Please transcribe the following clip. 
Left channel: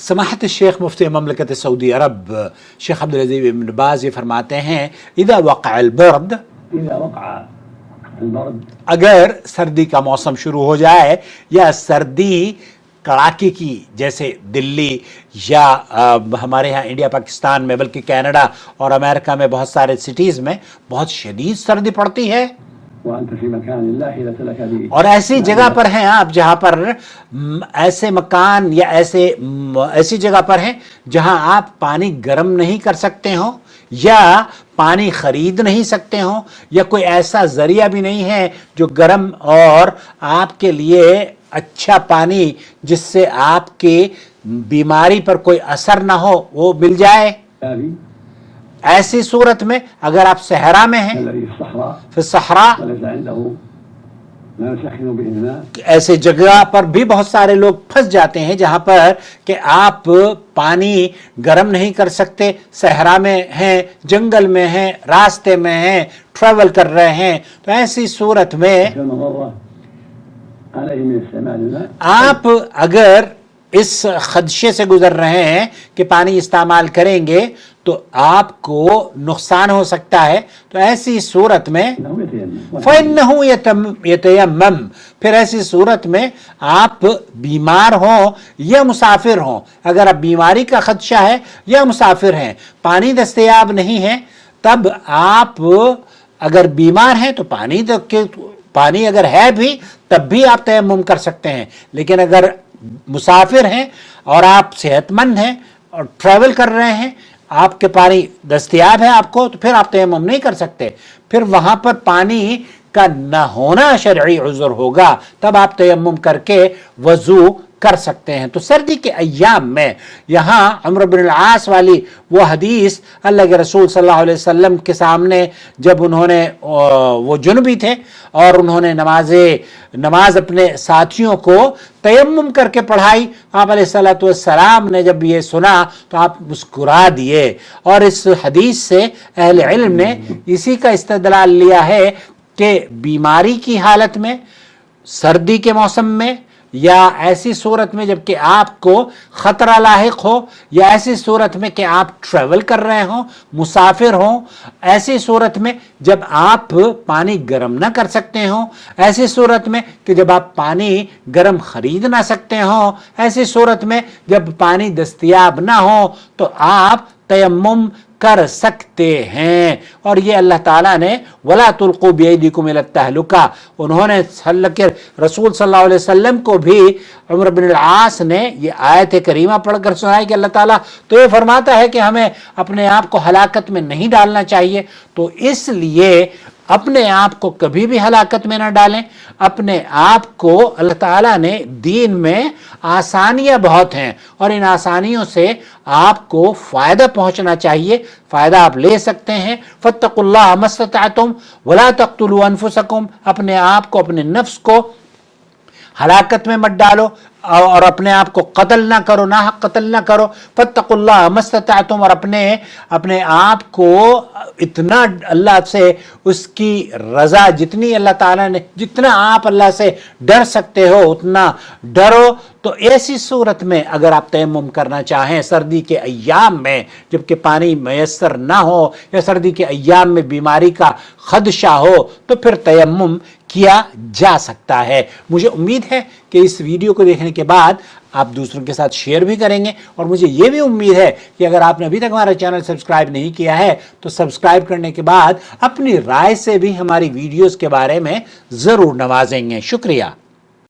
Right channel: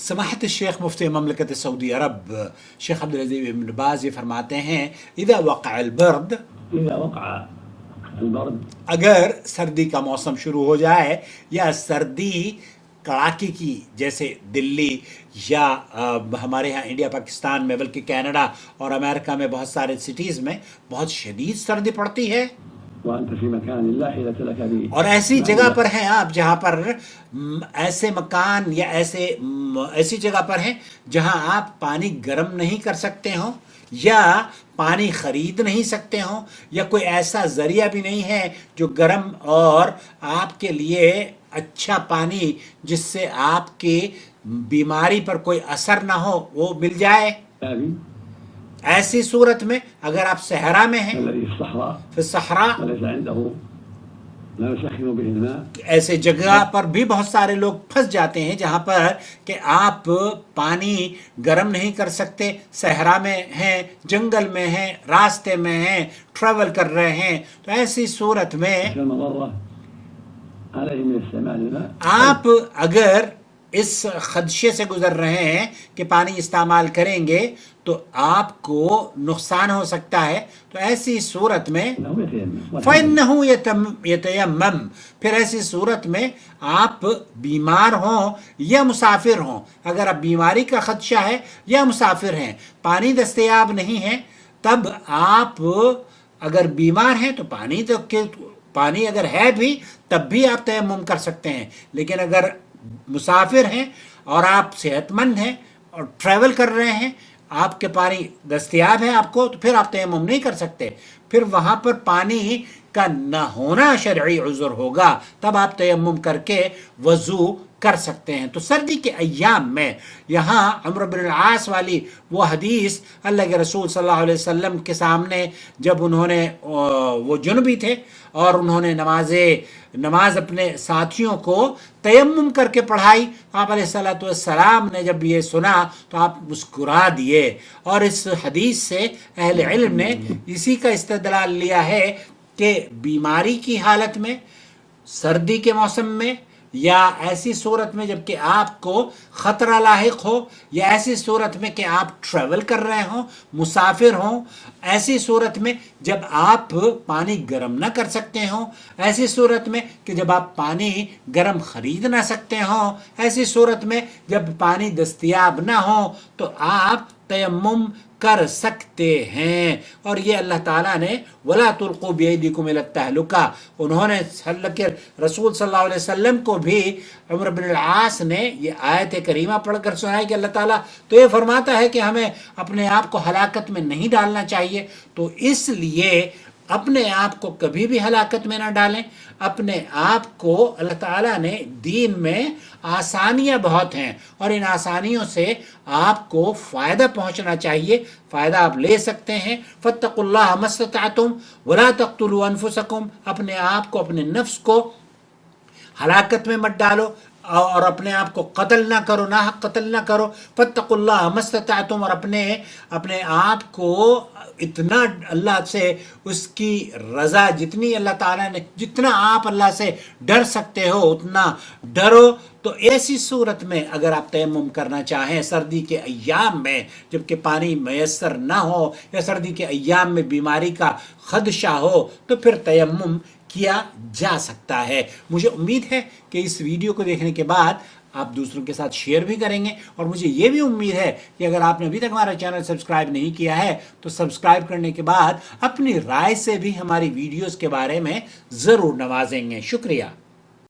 समाहत शेख मुफ्ती ममलकत Saudi अरब शेख अब्दुल अज़ीज़ इब्न बाज़ ये फरमाते हैं इदा वक़अल बर्द, अगर सर्दी का मौसम शुरू हो जाए या सर्दी कड़ाके की, जैसे दिल्ली या हमारे यहाँ इंडिया पाकिस्तान में, बल्कि कनाडा और अमेरिका में बहुत सारे सिटीज़ में बहुत शदीद सर्दी पड़ती है, और ऐसी जगह पर हैं आप जहां पर ऐसे मकान या ऐसी जगह पर हैं जहां आप पानी गर्म नहीं कर सकते हो या पानी खरीद नहीं सकते हो या कोई ऐसा जरिया भी नहीं है जो गर्म और आपके लिए अच्छा पानी जिससे आपके बीमारी पर कोई असर ना हो वो मिल जाए। ऐसी सूरत में अगर आप सहरा में हैं, फिर सहरा, ऐसे जगह पर भी बहुत सारे लोग फंस जाते हैं जहां पर कि आप पानी गर्म नहीं कर सकते, सहरा में हैं, जंगल में हैं, रास्ते में हैं, ट्रैवल कर रहे हैं। तो ऐसी सूरत में आप अगर इस खदशे से गुजर रहे हैं कि पानी इस्तेमाल करेंगे तो आपको नुकसान हो सकता है, तो ऐसी सूरत में फ़इन्नहु यतयम्मम, फिर ऐसी सूरत में आप बीमार हो या मुसाफिर हो, अगर आप बीमारी का खदशा है या मुसाफिर हैं, पानी दस्तयाब नहीं है, तब आप अगर बीमार हैं तो पानी अगर है भी तब भी आप तयम्मुम कर सकते हैं। लेकिन अगर मुसाफिर हैं और आप सेहतमंद हैं और ट्रैवल कर रहे हैं, आपके पानी दस्तयाब है आपको, तो फिर आप तयम्मुम नहीं कर सकते, फिर वहां पर पानी का न होना शरई उज़्र होगा, तब आप तयम्मुम करके वजू कर सकते हैं। तो सर्दी के अय्याम में यहाँ अम्र बिन आस वाली वो हदीस अल्लाह के रसूल सल्लल्लाहु अलैहि वसल्लम के सामने जब उन्होंने, वो जुनबी थे और उन्होंने नमाज अपने साथियों को तयम्मुम करके पढ़ाई, आप अलैहिस्सलातु वस्सलाम ने जब ये सुना तो आप मुस्कुरा दिए। और इस हदीस से अहले इल्म ने इसी का इस्तेदलाल लिया है कि बीमारी की हालत में, सर्दी के मौसम में, या ऐसी सूरत में जबकि आपको खतरा लाहिक हो, या ऐसी सूरत में कि आप ट्रैवल कर रहे हो, मुसाफिर हो, ऐसी सूरत में जब आप पानी गर्म ना कर सकते हो, ऐसी सूरत में कि जब आप पानी गर्म खरीद ना सकते हो, ऐसी सूरत में जब पानी दस्तयाब ना हो, तो आप तयम्मुम कर सकते हैं। और ये अल्लाह ताला ने वला तुल्कू बियदिकुम इला तहलुका, उन्होंने रसूल सल्लल्लाहु अलैहि वसल्लम को भी उमर बिन आस ने ये आयत करीमा पढ़कर सुनाई कि अल्लाह ताला तो ये फरमाता है कि हमें अपने आप को हलाकत में नहीं डालना चाहिए, तो इसलिए अपने आप को कभी भी हलाकत में ना डालें। अपने आप को अल्लाह ताला ने दीन में आसानियां बहुत हैं और इन आसानियों से आपको फ़ायदा पहुंचना चाहिए, फ़ायदा आप ले सकते हैं। फत्तकुल्लाह मस्तताअतुम वला तक़्तुलू अनफुसकुम, अपने आप को, अपने नफ्स को हलाकत में मत डालो और अपने आप को कत्ल ना करो, नाहक कत्ल ना करो। फत्तकुल्लाह मस्तताअतुम, और अपने आप को इतना अल्लाह से उसकी रज़ा, जितनी अल्लाह ताला ने, जितना आप अल्लाह से डर सकते हो उतना डरो। तो ऐसी सूरत में अगर आप तयम्मुम करना चाहें सर्दी के अय्याम में जबकि पानी मैसर ना हो या सर्दी के अय्याम में बीमारी का खदशा हो, तो फिर तयम्मुम किया जा सकता है। मुझे उम्मीद है कि इस वीडियो को देखने के बाद आप दूसरों के साथ शेयर भी करेंगे, और मुझे ये भी उम्मीद है कि अगर आपने अभी तक हमारा चैनल सब्सक्राइब नहीं किया है तो सब्सक्राइब करने के बाद अपनी राय से भी हमारी वीडियोस के बारे में ज़रूर नवाजेंगे। शुक्रिया।